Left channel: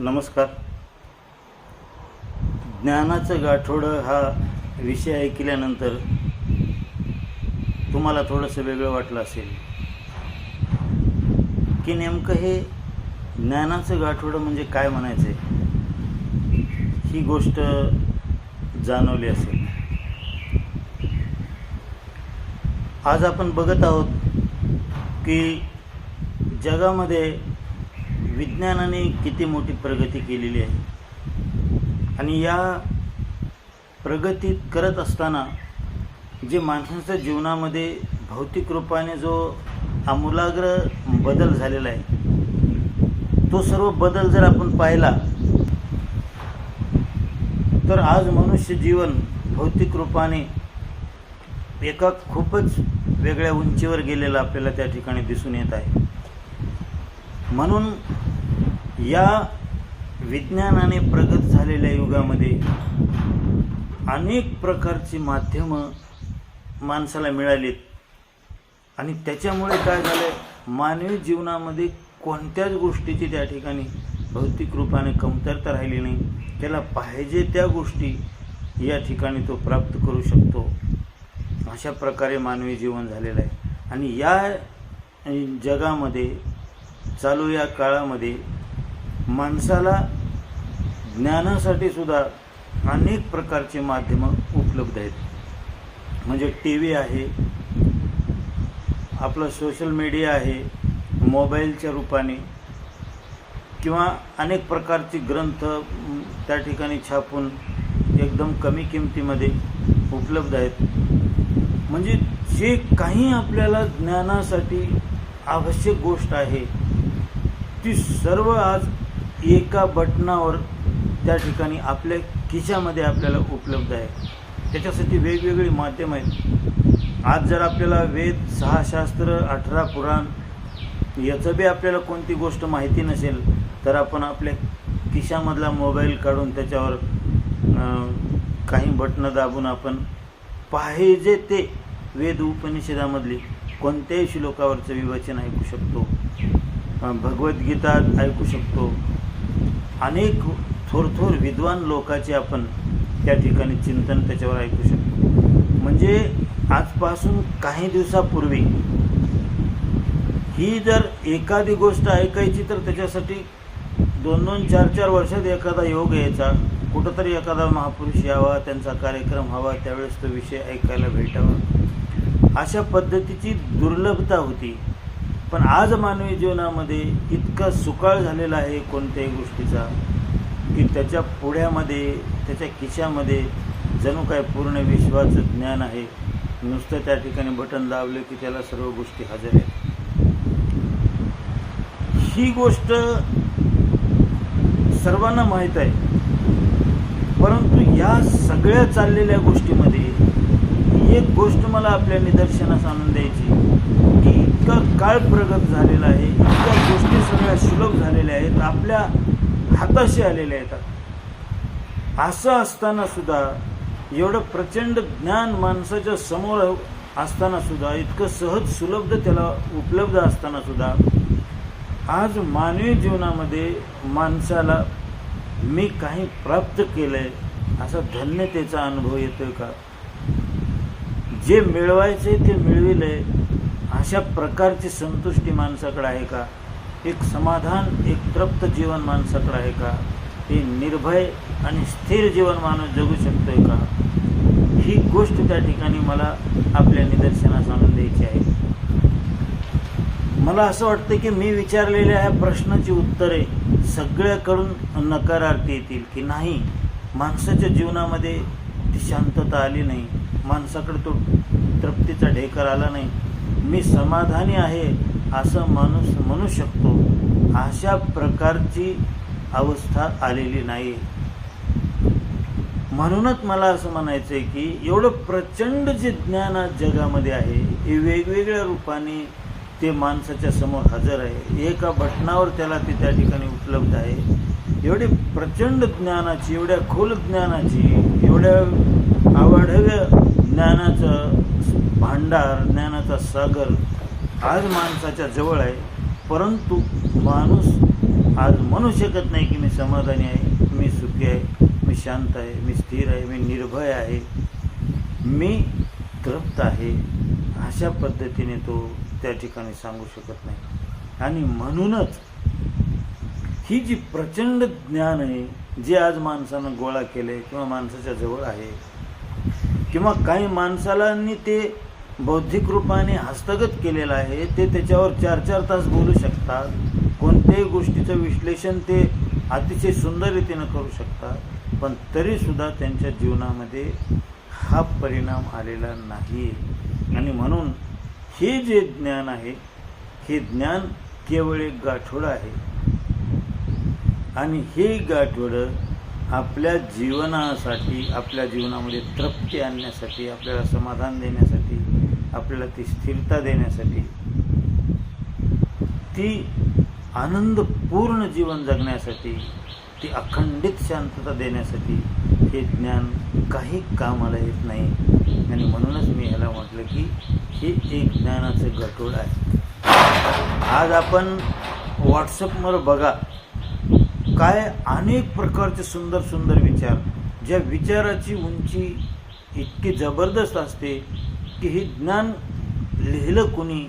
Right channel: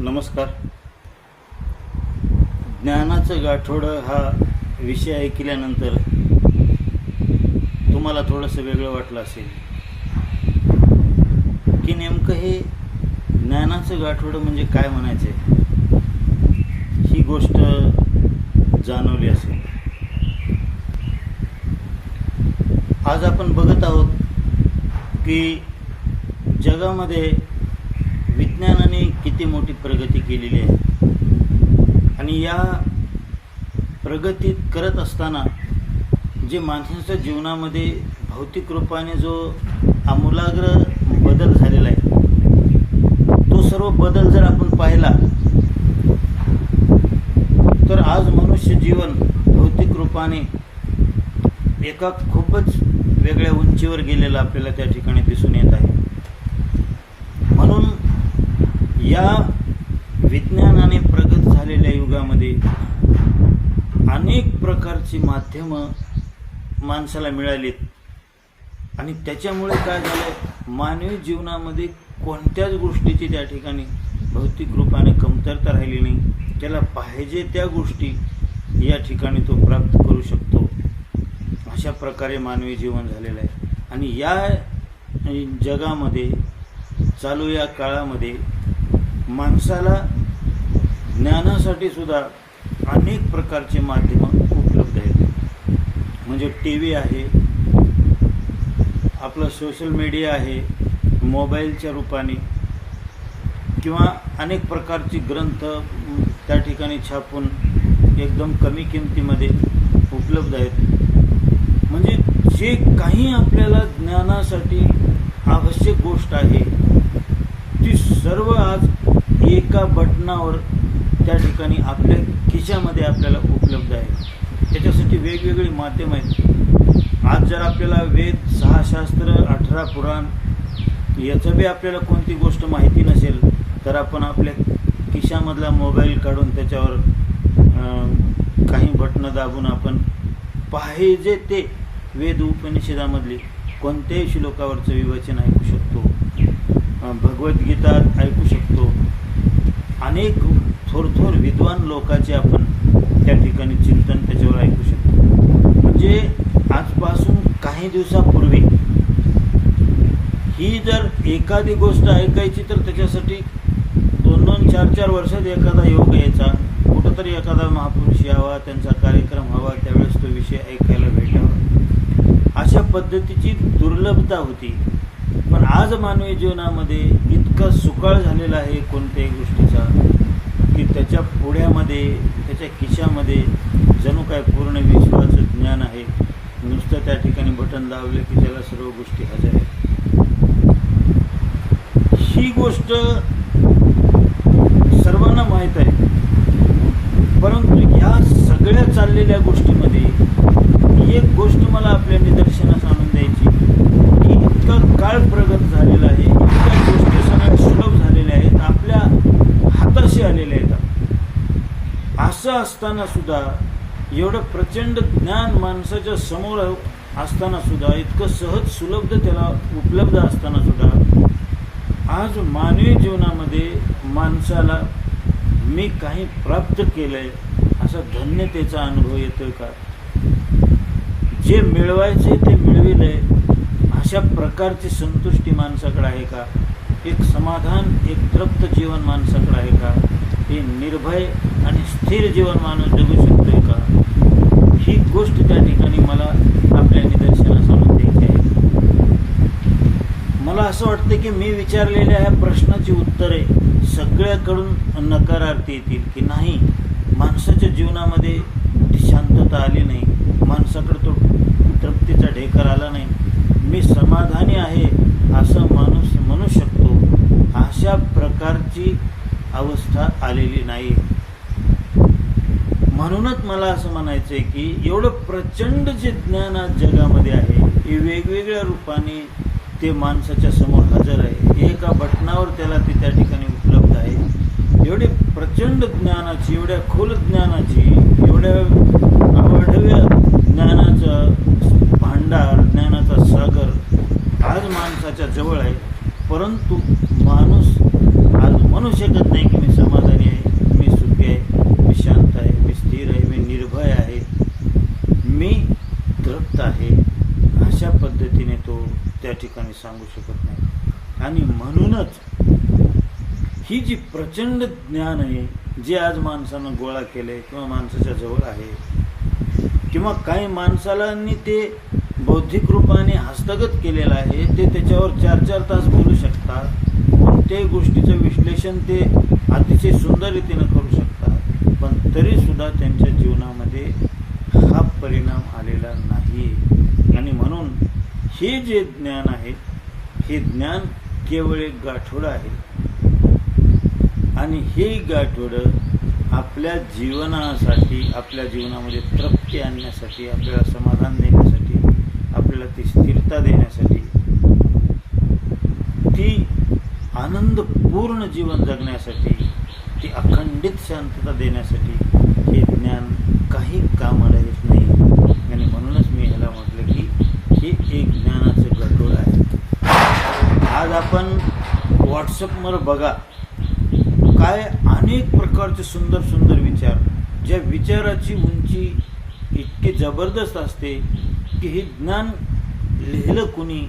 नमस्कार. ज्ञानाचं गाठोडं हा विषय ऐकल्यानंतर तुम्हाला थोडंसं वेगळं वाटलं असेल की नेमकं हे ज्ञानाचं गाठोडं म्हणजे काय म्हणायचं आहे, ही गोष्ट जाणवली असेल. आज आपण बघत आहोत की जगामध्ये विज्ञानाने किती मोठी प्रगती केलेली आहे आणि या प्रगतीत करत असताना जे माणसाच्या जीवनामध्ये भौतिक रूपाने जो आमूलाग्र बदल झालेला आहे, तो सर्व बदल जर आपण पाहिला तर आज मनुष्य जीवन भौतिक रूपाने एका खूपच वेगळ्या उंचीवर गेलेलं आपल्याला त्या ठिकाणी दिसून येत आहे. म्हणून या विज्ञानाने प्रगत झालेल्या युगामध्ये अनेक प्रकारची माध्यमं माणसाला मिळालीत आणि त्याच्यामुळे काय झालंय, मानवी जीवनामध्ये कोणत्याच गोष्टीची त्या ठिकाणी भौतिक रूपाने कमतरता राहिली नाही. त्याला पाहिजे त्या गोष्टी या ठिकाणी तो प्राप्त करू शकतो. अशा प्रकारे मानवी जीवन झालेलं आहे आणि या जगामध्ये चालू या काळामध्ये माणसाला ज्ञानासाठी सुद्धा अनेक प्रकारचे माध्यमं उपलब्ध आहेत. म्हणजे टी व्ही आहे, आपलं सोशल मीडिया आहे, मोबाईलच्या रूपाने किंवा अनेक प्रकारचे ग्रंथ त्या ठिकाणी छापून एकदम कमी किमतीमध्ये उपलब्ध आहेत. म्हणजे जे काही आपल्याला ज्ञानासाठी आवश्यक गोष्ट आहे ती सर्व आज एका बटनावर त्या ठिकाणी आपल्या खिशामध्ये आपल्याला उपलब्ध आहे. त्याच्यासाठी वेगवेगळी माध्यम आहेत. आज जर आपल्याला वेद, 6 शास्त्र, 18 पुराण याचं बी आपल्याला कोणती गोष्ट माहिती नसेल तर आपण आपल्या खिशामधला मोबाईल काढून त्याच्यावर काही बटणं दाबून आपण पाहिजे ते वेद उपनिषदामधली कोणत्याही श्लोकावरचं विवचन ऐकू शकतो, भगवद्गीता ऐकू शकतो. अनेक थोर विद्वान लोकांचे आपण त्या ठिकाणी चिंतन त्याच्यावर ऐकू शकतो. म्हणजे आजपासून काही दिवसापूर्वी ही जर एखादी गोष्ट ऐकायची तर त्याच्यासाठी 2-2, 4-4 वर्षात एखादा योग यायचा, कुठंतरी एखादा महापुरुष यावा, त्यांचा कार्यक्रम व्हावा, त्यावेळेस तो विषय ऐकायला भेटावा. अशा पद्धतीची दुर्लभता होती. पण आज मानवी जीवनामध्ये इतका सुकाळ झालेला आहे कोणत्याही गोष्टीचा की त्याच्या पुढ्यामध्ये, त्याच्या खिशामध्ये जणू काय पूर्ण विश्वाचं ज्ञान आहे. नुसतं त्या ठिकाणी बटन दाबलं की त्याला सर्व गोष्टी हजर आहेत. ही गोष्ट सर्वांना माहीत आहे. परंतु या सगळ्या चाललेल्या गोष्टीमध्ये एक गोष्ट मला आपल्या निदर्शनास आणून द्यायची की इतका काळ प्रगत झालेला आहे, इतक्या गोष्टी सगळ्या सुलभ झालेल्या आहेत, आपल्या हाताशी आलेल्या आहेत. असं असताना सुद्धा, एवढं प्रचंड ज्ञान माणसाच्या समोर असताना सुद्धा, इतकं सहज सुलभ त्याला उपलब्ध असताना सुद्धा आज मानवी जीवनामध्ये माणसाला मी काही प्राप्त केलंय असा धन्यतेचा अनुभव येतोय का? जे मिळवायचे ते मिळविलंय अशा प्रकारची संतुष्टी माणसाकडे आहे का? एक समाधान, एक तृप्त जीवन माणसाकडे आहे का? हे निर्भय आणि स्थिर जीवन माणूस जगू शकतोय का? ही गोष्ट त्या ठिकाणी मला आपल्या निदर्शनास आणून द्यायची आहे. मला असं वाटतं की मी विचारलेल्या ह्या प्रश्नाची उत्तरे सगळ्याकडून नकारार्थी येतील की नाही, माणसाच्या जीवनामध्ये ती शांतता आली नाही, माणसाकडे तो तृप्तीचा ढेकर आला नाही, मी समाधानी आहे असं माणूस म्हणू शकतो. अशा प्रकारची अवस्था आलेली नाही. म्हणूनच मला असं म्हणायचं आहे की एवढं प्रचंड जे ज्ञान आज जगामध्ये आहे हे वेगवेगळ्या रूपाने ते माणसाच्या समोर हजर आहे. एका बटनावर त्याला ते त्या ठिकाणी उपलब्ध आहे. एवढे प्रचंड ज्ञानाची, एवढ्या खोल ज्ञानाची, एवढ्या अवाढव्य ज्ञानाचं भांडार, ज्ञानाचा सागर आज माणसाच्या जवळ आहे. परंतु माणूस आज म्हणू शकत नाही की मी समाधानी आहे, मी सुखी आहे, मी शांत आहे, मी स्थिर आहे, मी निर्भय आहे, मी तृप्त आहे, अशा पद्धतीने तो त्या ठिकाणी सांगू शकत नाही. आणि म्हणूनच ही जी प्रचंड ज्ञान आहे जे आज माणसानं गोळा केले किंवा माणसाच्या जवळ आहे, किंवा काही माणसालांनी ते बौद्धिक रूपाने हस्तगत केलेलं आहे, ते त्याच्यावर 4-4 तास बोलू शकतात, कोणत्याही गोष्टीचं विश्लेषण ते अतिशय सुंदर रीतीनं करू शकतात, पण तरीसुद्धा त्यांच्या जीवनामध्ये हा परिणाम आलेला नाही. आणि म्हणून हे जे ज्ञान आहे हे ज्ञान केवळ एक गाठोडं आहे. आणि हे गाठोडं आपल्या जीवनासाठी, आपल्या जीवनामध्ये तृप्ती आणण्यासाठी, आपल्याला समाधान देण्यासाठी, आपल्याला ती स्थिरता देण्यासाठी, ती आनंदपूर्ण जीवन जगण्यासाठी, ती अखंडित शांतता देण्यासाठी हे ज्ञान काही कामाला येत नाही. आणि म्हणूनच मी ह्याला म्हटलं की हे एक ज्ञानाचं गाठोडं आहे. आज आपण व्हॉट्सअपवर बघा, काय अनेक प्रकारचे सुंदर सुंदर विचार, ज्या विचाराची उंची इतकी जबरदस्त असते की हे ज्ञान लिहिलं कुणी,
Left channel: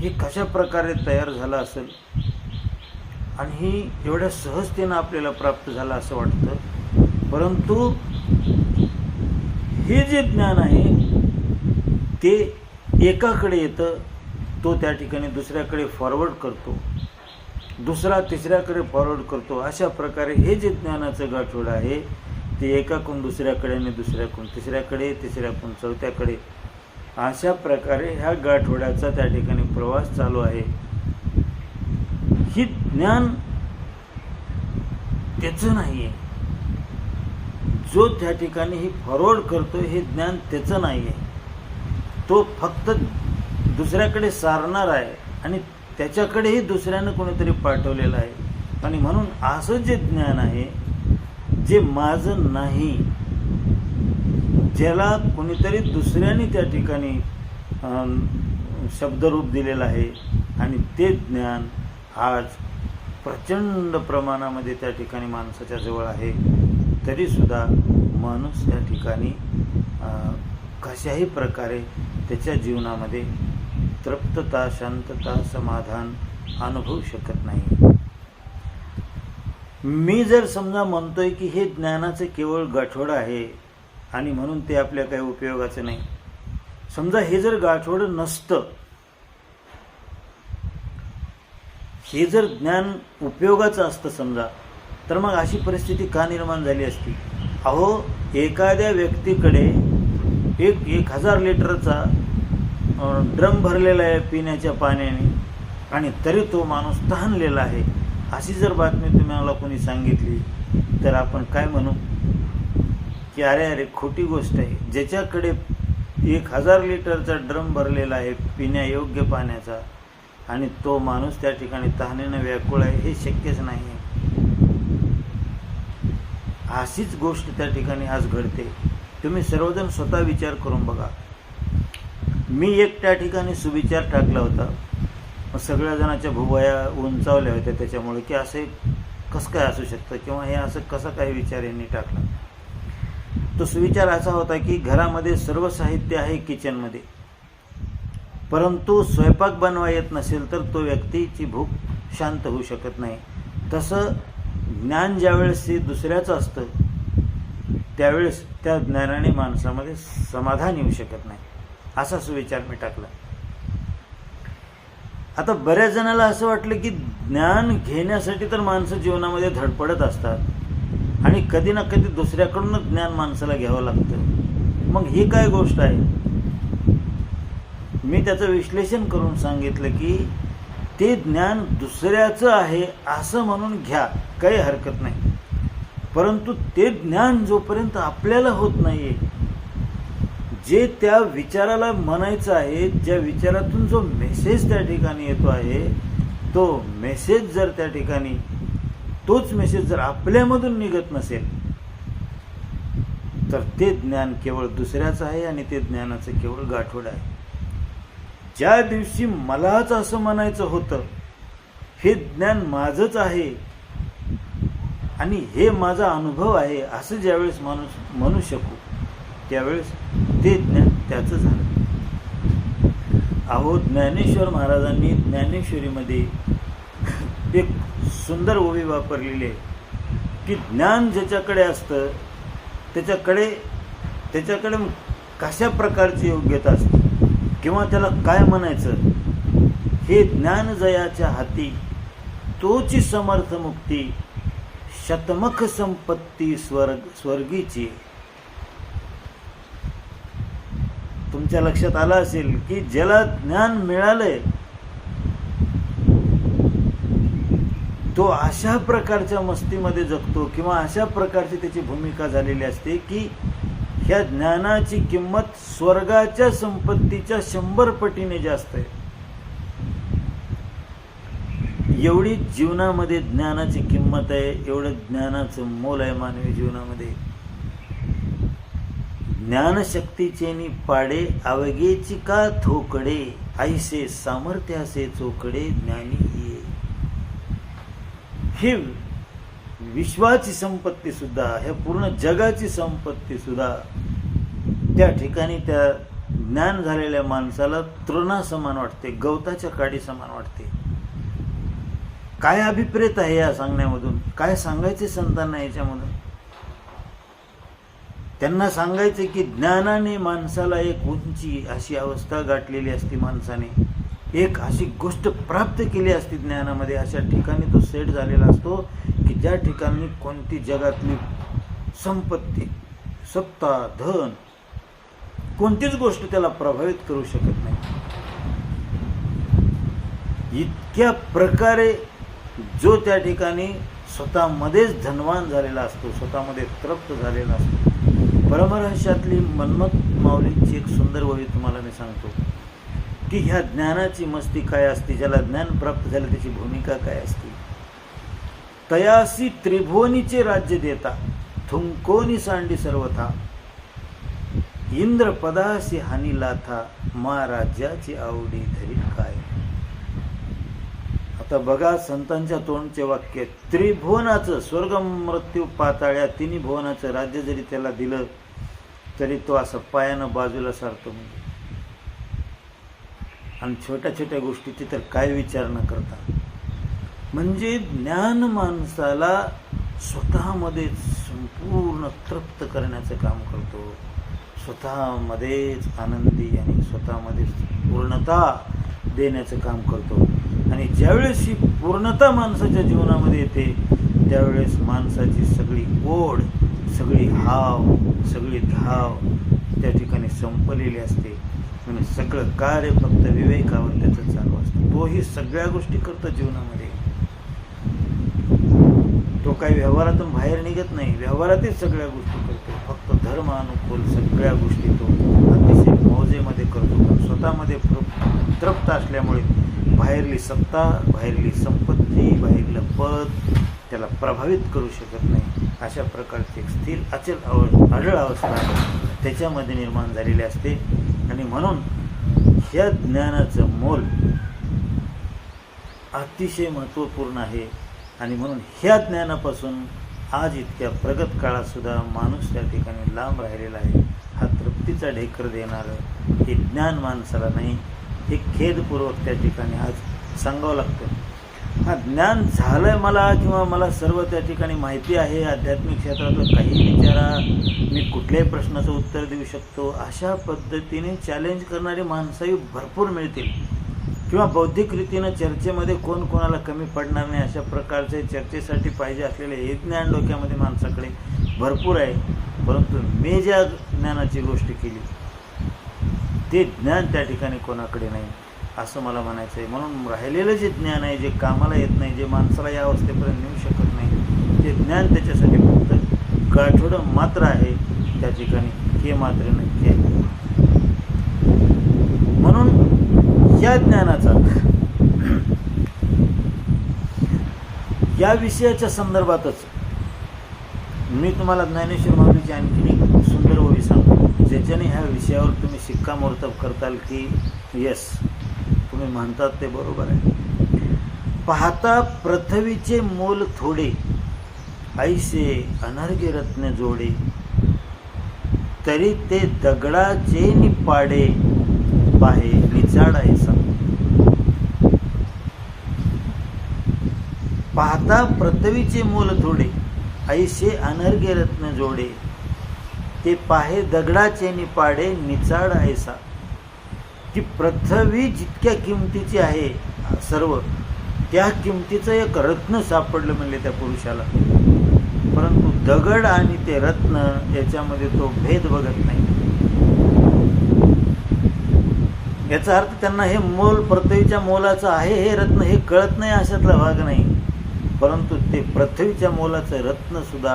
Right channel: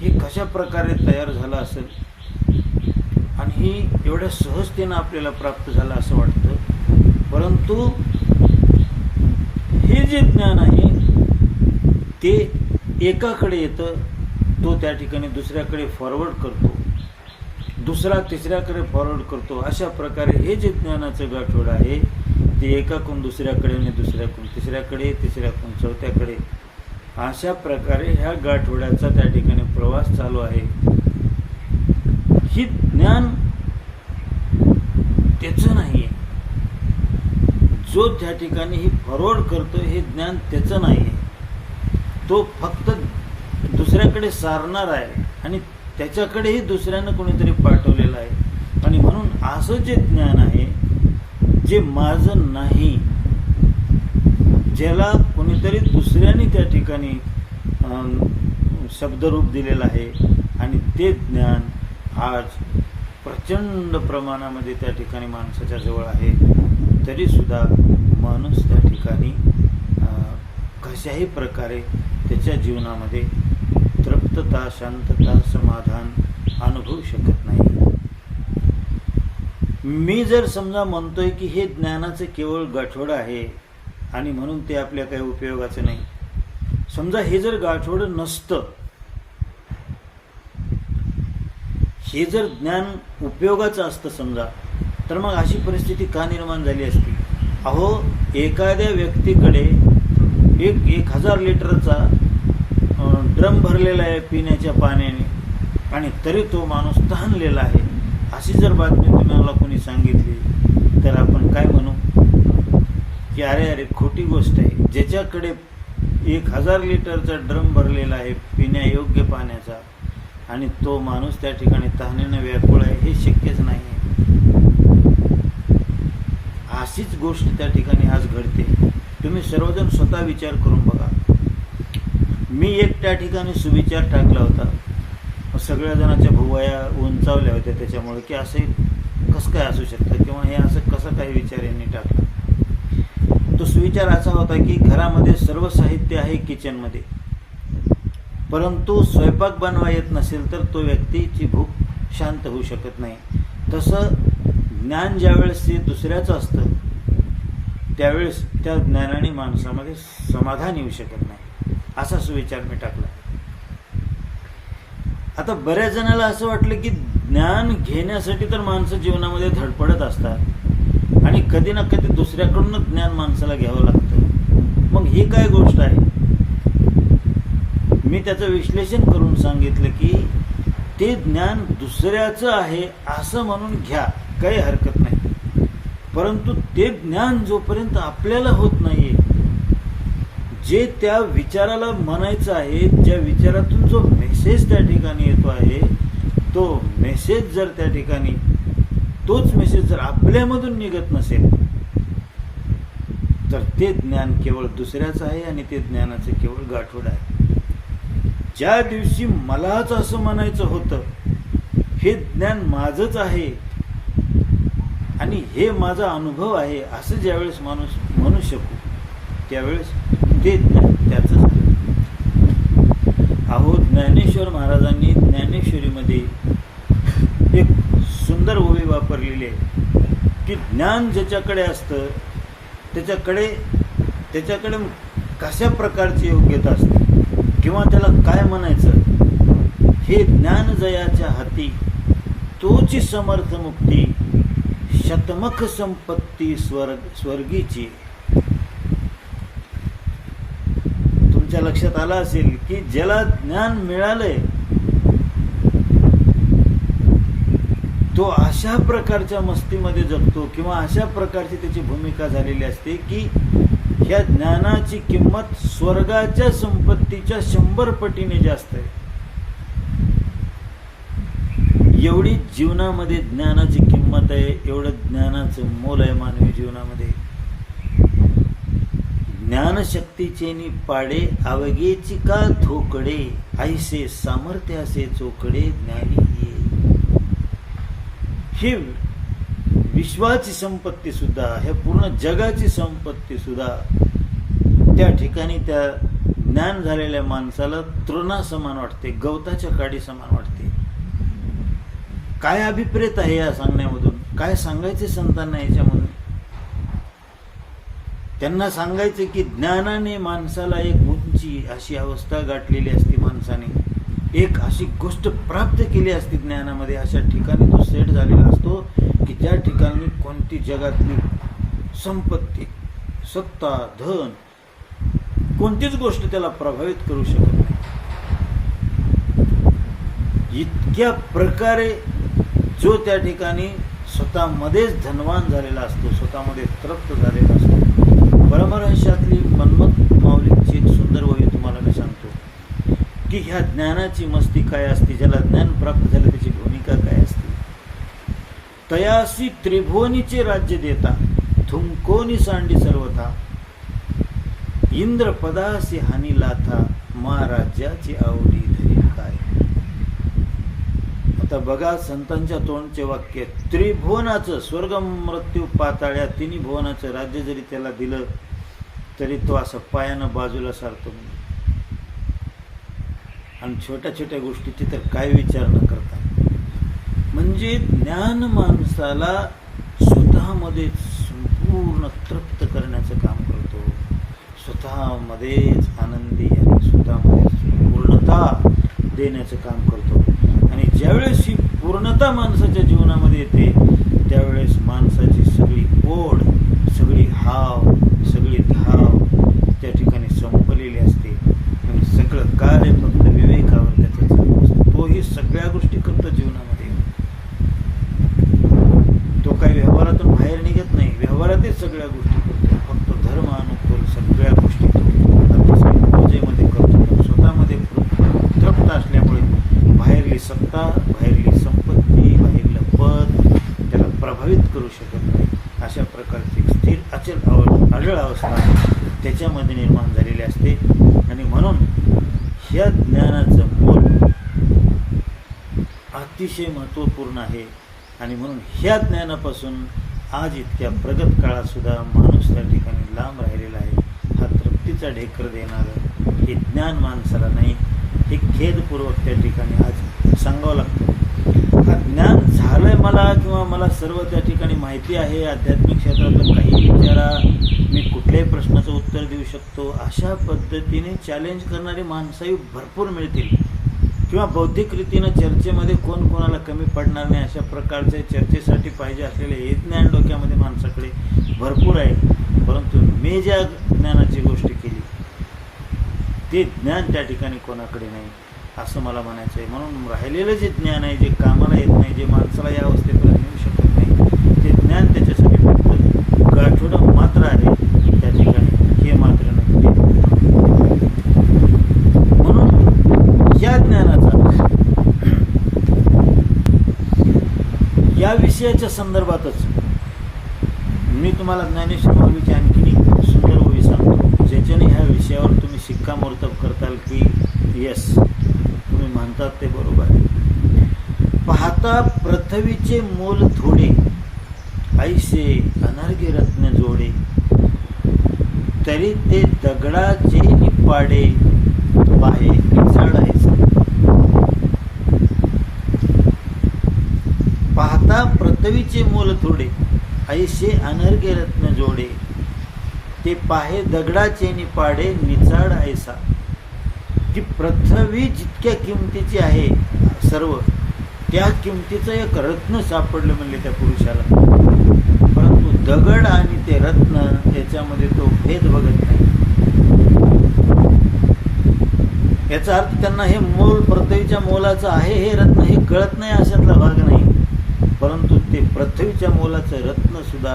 हे कशा प्रकारे तयार झालं असेल आणि ही एवढ्या सहजतेनं आपल्याला प्राप्त झालं असं वाटतं. परंतु हे जे ज्ञान आहे ते एकाकडे येतं, तो त्या ठिकाणी दुसऱ्याकडे फॉरवर्ड करतो, दुसरा तिसऱ्याकडे फॉरवर्ड करतो. अशा प्रकारे हे जे ज्ञानाचं गाठोडं आहे ते एकाकडून दुसऱ्याकडे आणि दुसऱ्याकडून तिसऱ्याकडे, तिसऱ्याकडून चौथ्याकडे, अशा प्रकारे ह्या गाठोड्याचा त्या ठिकाणी प्रवास चालू आहे. ही ज्ञान त्याचं नाही आहे, जो त्या ठिकाणी ही फॉरवर्ड करतो हे ज्ञान त्याचं नाही आहे, तो फक्त दुसऱ्याकडे सारणार आहे आणि त्याच्याकडेही दुसऱ्यानं कोणीतरी पाठवलेलं आहे. आणि म्हणून असं जे ज्ञान आहे जे माझं नाही, ज्याला कोणीतरी दुसऱ्याने त्या ठिकाणी शब्दरूप दिलेलं आहे, आणि ते ज्ञान आज प्रचंड प्रमाणामध्ये त्या ठिकाणी माणसाच्या जवळ आहे, तरीसुद्धा माणूस त्या ठिकाणी कशाही प्रकारे त्याच्या जीवनामध्ये तृप्तता, शांतता, समाधान अनुभवू शकत नाही. मी जर समजा म्हणतोय की हे ज्ञानाचं केवळ गाठोडं आहे आणि म्हणून ते आपल्या काही उपयोगाचं नाही, समजा हे जर गाठोडं नसतं, हे जर ज्ञान उपयोगाचं असतं समजा, तर मग अशी परिस्थिती का निर्माण झाली असती? अहो, एखाद्या व्यक्तीकडे 1000 लिटरचा ड्रम भरलेला आहे पिण्याच्या पाण्याने आणि तरी तो माणूस तहानलेला आहे, अशी जर बातमी तुम्हाला कोणी सांगितली तर आपण काय म्हणू की अरे खोटी गोष्ट आहे. ज्याच्याकडे 1000 लिटरचा ड्रम भरलेला आहे पिण्यायोग्य पाण्याचा आणि तो माणूस त्या ठिकाणी तहानेनं व्याकुळ आहे, हे शक्यच नाही आहे. अशीच गोष्ट त्या ठिकाणी आज घडते. तुम्ही सर्वजण स्वतः विचार करून बघा. मी एक त्या ठिकाणी सुविचार टाकला होता, सगळ्या जणांच्या भुवया उंचावल्या होत्या त्याच्यामुळे की असे कसं काय असू शकतं किंवा हे असं कसं काय विचार यांनी टाकला. तो सुविचार असा होता की घरामध्ये सर्व साहित्य आहे किचनमध्ये, परंतु स्वयंपाक बनवा येत नसेल तर तो व्यक्तीची भूक शांत होऊ शकत नाही. तसं ज्ञान ज्यावेळेस ते दुसऱ्याचं असतं त्यावेळेस त्या ज्ञानाने माणसामध्ये समाधान येऊ शकत नाही, असा सुविचार मी टाकला. आता बऱ्याच जणाला असं वाटलं की ज्ञान घेण्यासाठी तर माणसं जीवनामध्ये धडपडत असतात आणि कधी ना कधी दुसऱ्याकडूनच ज्ञान माणसाला घ्यावं लागतं. मग ही काय गोष्ट आहे? मी त्याचं विश्लेषण करून सांगितलं की ते ज्ञान दुसऱ्याचं आहे असं म्हणून घ्या, काही हरकत नाही, परंतु ते ज्ञान जोपर्यंत आपल्याला होत नाहीये, जे त्या विचाराला म्हणायचं आहे, ज्या विचारातून जो मेसेज त्या ठिकाणी येतो आहे, तो मेसेज जर त्या ठिकाणी तोच मेसेज जर आपल्यामधून निघत नसेल तर ते ज्ञान केवळ दुसऱ्याचं आहे आणि ते ज्ञानाचं केवळ गाठोड आहे. ज्या दिवशी मलाच असं म्हणायचं होतं हे ज्ञान माझंच आहे आणि हे माझा अनुभव आहे असं ज्यावेळेस माणूस म्हणू शकू त्यावेळेस ते ज्ञान त्याचं झालं. अहो, ज्ञानेश्वर महाराजांनी ज्ञानेश्वरीमध्ये एक सुंदर ओवी वापरलेली आहे की ज्ञान ज्याच्याकडे असतं त्याच्याकडे कशा प्रकारची योग्यता असते किंवा त्याला काय म्हणायचं, हे ज्ञान जयाच्या हाती तोची समर्थ मुक्ती, शतमख संपत्ती स्वर्गीची. तुमच्या लक्षात आलं असेल की ज्याला ज्ञान मिळालंय तो अशा प्रकारच्या मस्तीमध्ये जगतो किंवा अशा प्रकारची त्याची भूमिका झालेली असते की ह्या ज्ञानाची किंमत स्वर्गाच्या संपत्तीच्या 100 पटीने जास्त आहे. एवढी जीवनामध्ये ज्ञानाची किंमत आहे, एवढं ज्ञानाचं मोल आहे मानवी जीवनामध्ये. ज्ञानशक्तीचेनी पाडे अवघेची का धोकडे, ऐसे सामर्थ्यासे चोकडे ज्ञानी ये. ही विश्वाची संपत्ती सुद्धा, हे पूर्ण जगाची संपत्ती सुद्धा त्या ठिकाणी त्या ज्ञान झालेल्या माणसाला तृणा समान वाटते, गवताच्या काडी समान वाटते. काय अभिप्रेत आहे या सांगण्यामधून, काय सांगायचे संतांना याच्यामधून? त्यांना सांगायचे की ज्ञानाने माणसाला एक उंची अशी अवस्था गाठलेली असती, माणसाने एक अशी गोष्ट प्राप्त केली असती ज्ञानामध्ये, अशा ठिकाणी तो सेट झालेला असतो की त्या ठिकाणी कोणती जगातली संपत्ती, सत्ता, धन, कोणतीच गोष्ट त्याला प्रभावित करू शकत नाही. इतक्या प्रकारे जो त्या ठिकाणी स्वतःमध्येच धनवान झालेला असतो, स्वतःमध्ये तृप्त झालेला असतो. परमरहस्यातली मन्मथ माऊलीची एक सुंदर ओवी तुम्हाला मी सांगतो की ह्या ज्ञानाची मस्ती काय असते, ज्याला ज्ञान प्राप्त झालं त्याची भूमिका काय असते. तयासी त्रिभुवनीचे राज्य देता, थुंकोनी सांडी सर्वथा, इंद्र पदासी हानी लाथा, महाराज्याची आवडी धरी काय. आता बघा संतांच्या तोंडचे वाक्य, त्रिभुवनाचं, स्वर्ग मृत्यू पाताळ या तिन्ही भुवनाचं राज्य जरी त्याला दिलं तरी तो असं पायानं बाजूला सारतो. आणि छोट्या छोट्या गोष्टीची तर काय विचार न करता. म्हणजे ज्ञान माणसाला स्वतःमध्ये संपूर्ण तृप्त करण्याचं काम करतो, स्वतःमध्येच आनंदी आणि स्वतःमध्ये पूर्णता देण्याचं काम करतो. आणि ज्यावेळेस ही पूर्णता माणसाच्या जीवनामध्ये येते त्यावेळेस माणसाची सगळी ओढ, सगळी हाव, सगळी धाव त्या ठिकाणी संपलेली असते आणि सगळं कार्य फक्त विवेकावर त्याचं चालू असतं. तोही सगळ्या गोष्टी करतो जीवनामध्ये, तो काही व्यवहारातून बाहेर निघत नाही, व्यवहारातच सगळ्या गोष्टी करतो. फक्त धर्म अनुकूल सगळ्या गोष्टी तो अतिशय मजेमध्ये करतो. स्वतःमध्ये तृप्त असल्यामुळे बाहेरली सत्ता, बाहेरली संपत्ती, बाहेरलं पद त्याला प्रभावित करू शकत नाही. अशा प्रकारची एक स्थिर अचल अढळ अवस्था त्याच्यामध्ये निर्माण झालेली असते. आणि म्हणून ह्या ज्ञानाचं मोल अतिशय महत्त्वपूर्ण आहे. आणि म्हणून ह्या ज्ञानापासून आज इतक्या प्रगत काळात सुद्धा माणूस त्या ठिकाणी लांब राहिलेला आहे. हा तृप्तीचा ढेकर देणारं हे ज्ञान माणसाला नाही, हे खेदपूर्वक त्या ठिकाणी आज सांगावं लागतं. हा ज्ञान झालंय मला किंवा मला सर्व त्या ठिकाणी माहिती आहे, आध्यात्मिक क्षेत्रातलं काही विचारा, मी कुठल्याही प्रश्नाचं उत्तर देऊ शकतो, अशा पद्धतीने चॅलेंज करणारी माणसंही भरपूर मिळतील. किंवा बौद्धिक रीतीनं चर्चेमध्ये कोण कोणाला कमी पडणार नाही अशा प्रकारचे चर्चेसाठी पाहिजे असलेले हे ज्ञान डोक्यामध्ये माणसाकडे भरपूर आहे. परंतु मी ज्या ज्ञानाची गोष्ट केली ते ज्ञान त्या ठिकाणी कोणाकडे नाही असं मला म्हणायचं आहे. म्हणून राहिलेलं जे ज्ञान आहे, जे कामाला येत नाही, जे माणसाला या अवस्थेपर्यंत नेऊ शकत नाही, ते ज्ञान त्याच्यासाठी फक्त गाठोडं मात्र आहे त्या ठिकाणी, हे मात्र नक्की आहे. म्हणून या ज्ञानाचा या विषयाच्या संदर्भातच मी तुम्हाला ज्ञानेश्वर माऊलीची आणखीन एक सुंदर ओवी सांगतो, ज्याच्याने ह्या विषयावर तुम्ही शिक्कामोर्तब करताल की येस, तुम्ही म्हणतात ते बरोबर आहे. पाहता पृथ्वीचे मोल थोडे, ऐसे अनर्घ्य रत्न जोडे, तरी ते दगडाचे निपाडे, पाहे निजाड ऐसा. पाहता पृथ्वीचे मोल थोडे, ऐसे अनर्घ्य रत्न जोडे, ते पाहे दगडाचे निपाडे निचाड ऐसा. की पृथ्वी जितक्या किमतीची आहे सर्व, त्या किमतीचं एक रत्न सापडलं म्हणले त्या पुरुषाला. परंतु दगड आणि ते रत्न याच्यामध्ये तो भेद बघत नाही. याचा अर्थ त्यांना हे मोल पृथ्वीच्या मोलाचं आहे, हे रत्न हे कळत नाही अशातला भाग नाही. परंतु ते पृथ्वीच्या मोलाचं रत्न सुद्धा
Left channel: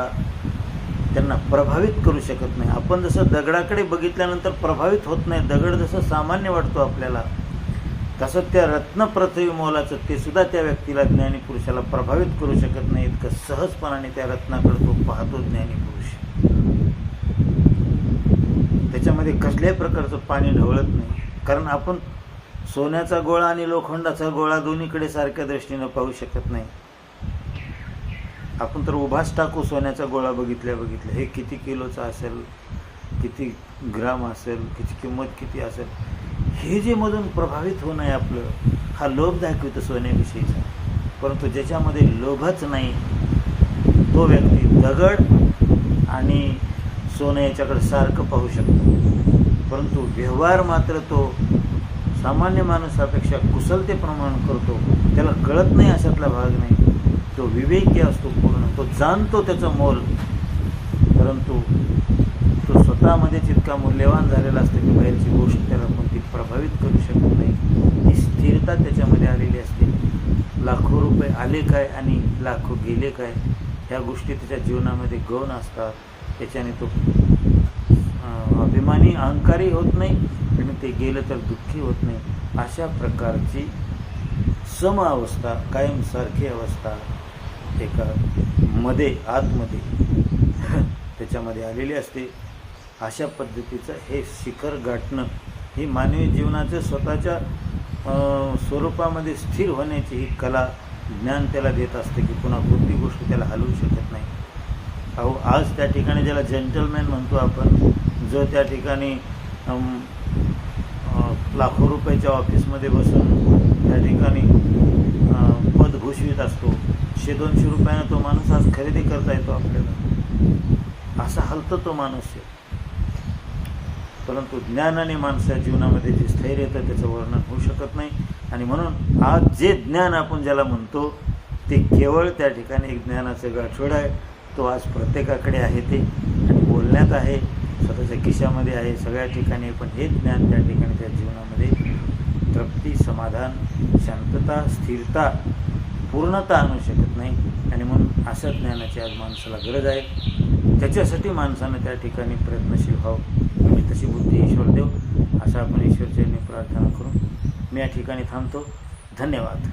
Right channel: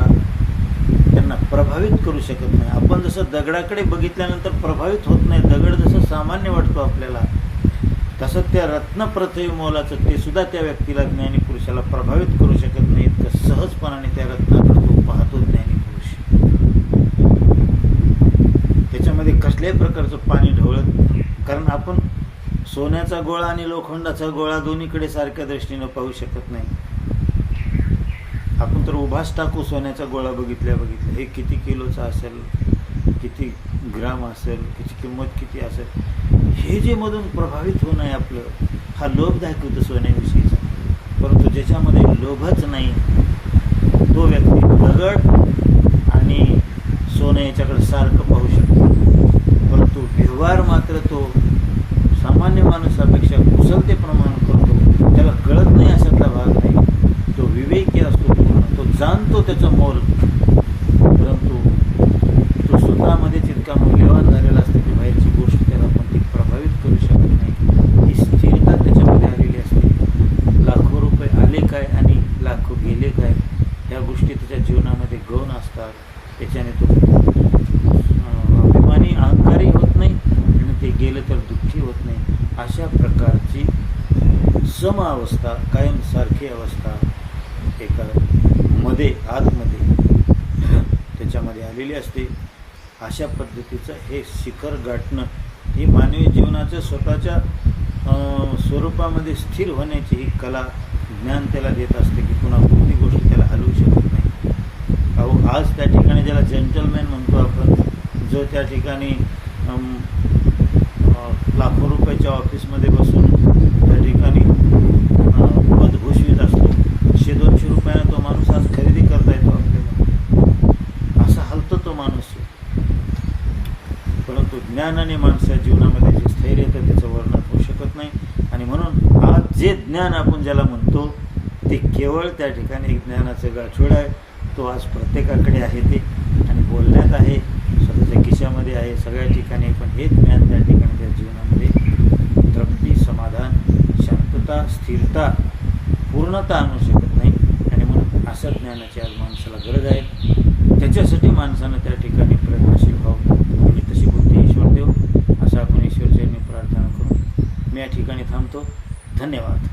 त्यांना प्रभावित करू शकत नाही. आपण जसं दगडाकडे बघितल्यानंतर प्रभावित होत नाही, दगड जसं सामान्य वाटतो आपल्याला, तसं त्या रत्न पृथ्वी मोलाचं ते सुद्धा त्या व्यक्तीला, ज्ञानी पुरुषाला प्रभावित करू शकत नाही. इतकं सहजपणाने त्या रत्नाकडे तो पाहतो ज्ञानी पुरुष. त्याच्यामध्ये कसल्याही प्रकारचं पाणी ढवळत नाही. कारण आपण सोन्याचा गोळा आणि लोखंडाचा गोळा दोन्हीकडे सारख्या दृष्टीनं पाहू शकत नाही. आपण तर उभाच टाकू सोन्याचा गोळा बघितल्या हे किती किलोचा असेल, किती ग्राम असेल, त्याची किंमत किती असेल, हे जे मधून प्रभावित होणं आहे आपलं, हा लोभ दाखवतो सोन्याविषयीचा. परंतु ज्याच्यामध्ये लोभच नाही तो व्यक्ती दगड आणि सोनं याच्याकडे सारखं पाहू शकतो. परंतु व्यवहार मात्र तो सामान्य माणसापेक्षा कुशलतेप्रमाणे करतो. त्याला कळत नाही अशातला भाग नाही. तो विवेकी असतो पूर्ण, तो जाणतो त्याचं मोल. परंतु तो स्वतःमध्येच इतका मूल्यवान झालेला असतो की बाहेरची गोष्ट त्याला कोणती प्रभावित करू शकत नाही. ही स्थिरता त्याच्यामध्ये आलेली असते. लाखो रुपये आले काय आणि लाखो गेले काय, ह्या गोष्टी त्याच्या जीवनामध्ये गौण असतात. त्याच्याने तो अभिमानी अहंकारी होत नाही आणि ते गेलं तर दुःखी होत नाही. अशा प्रकारची सम अवस्था, कायमसारखी अवस्था एका मध्ये आतमध्ये त्याच्यामध्ये आलेली असते. अशा पद्धतीचं हे शिखर गाठणं ही मानवी जीवनाचं स्वतःच्या स्वरूपामध्ये स्थिर होण्याची ही कला, ज्ञान त्याला देत असते की पुन्हा कोणती गोष्ट त्याला हलवू शकत नाही. अहो आज त्या ठिकाणी ज्याला जेंटलमॅन म्हणतो आपण, जो त्या ठिकाणी लाखो रुपयाच्या ऑफिसमध्ये बसून त्या ठिकाणी पद घोषवित असतो, 100-200 रुपयानं तो माणूस आज खरेदी करता येतो आपल्याला, असा हलतो तो माणूस. परंतु ज्ञानाने माणसाच्या जीवनामध्ये जे स्थैर्य येतं त्याचं वर्णन होऊ शकत नाही. आणि म्हणून आज जे ज्ञान आपण ज्याला म्हणतो ते केवळ त्या ठिकाणी एक ज्ञानाचं गाठोड आहे. तो आज प्रत्येकाकडे आहे ते, आणि बोलण्यात आहे, स्वतःच्या खिशामध्ये आहे, सगळ्या ठिकाणी. पण हे ज्ञान त्या ठिकाणी त्या जीवनामध्ये तृप्ती, समाधान, शांतता, स्थिरता, पूर्णता आणू शकत नाही. आणि म्हणून अशा ज्ञानाची आज माणसाला गरज आहे. त्याच्यासाठी माणसानं त्या ठिकाणी प्रयत्नशील व्हावं. आणि तशी बुद्धी ईश्वर देव, असं आपण ईश्वरचरणी प्रार्थना करून मी या ठिकाणी थांबतो. धन्यवाद.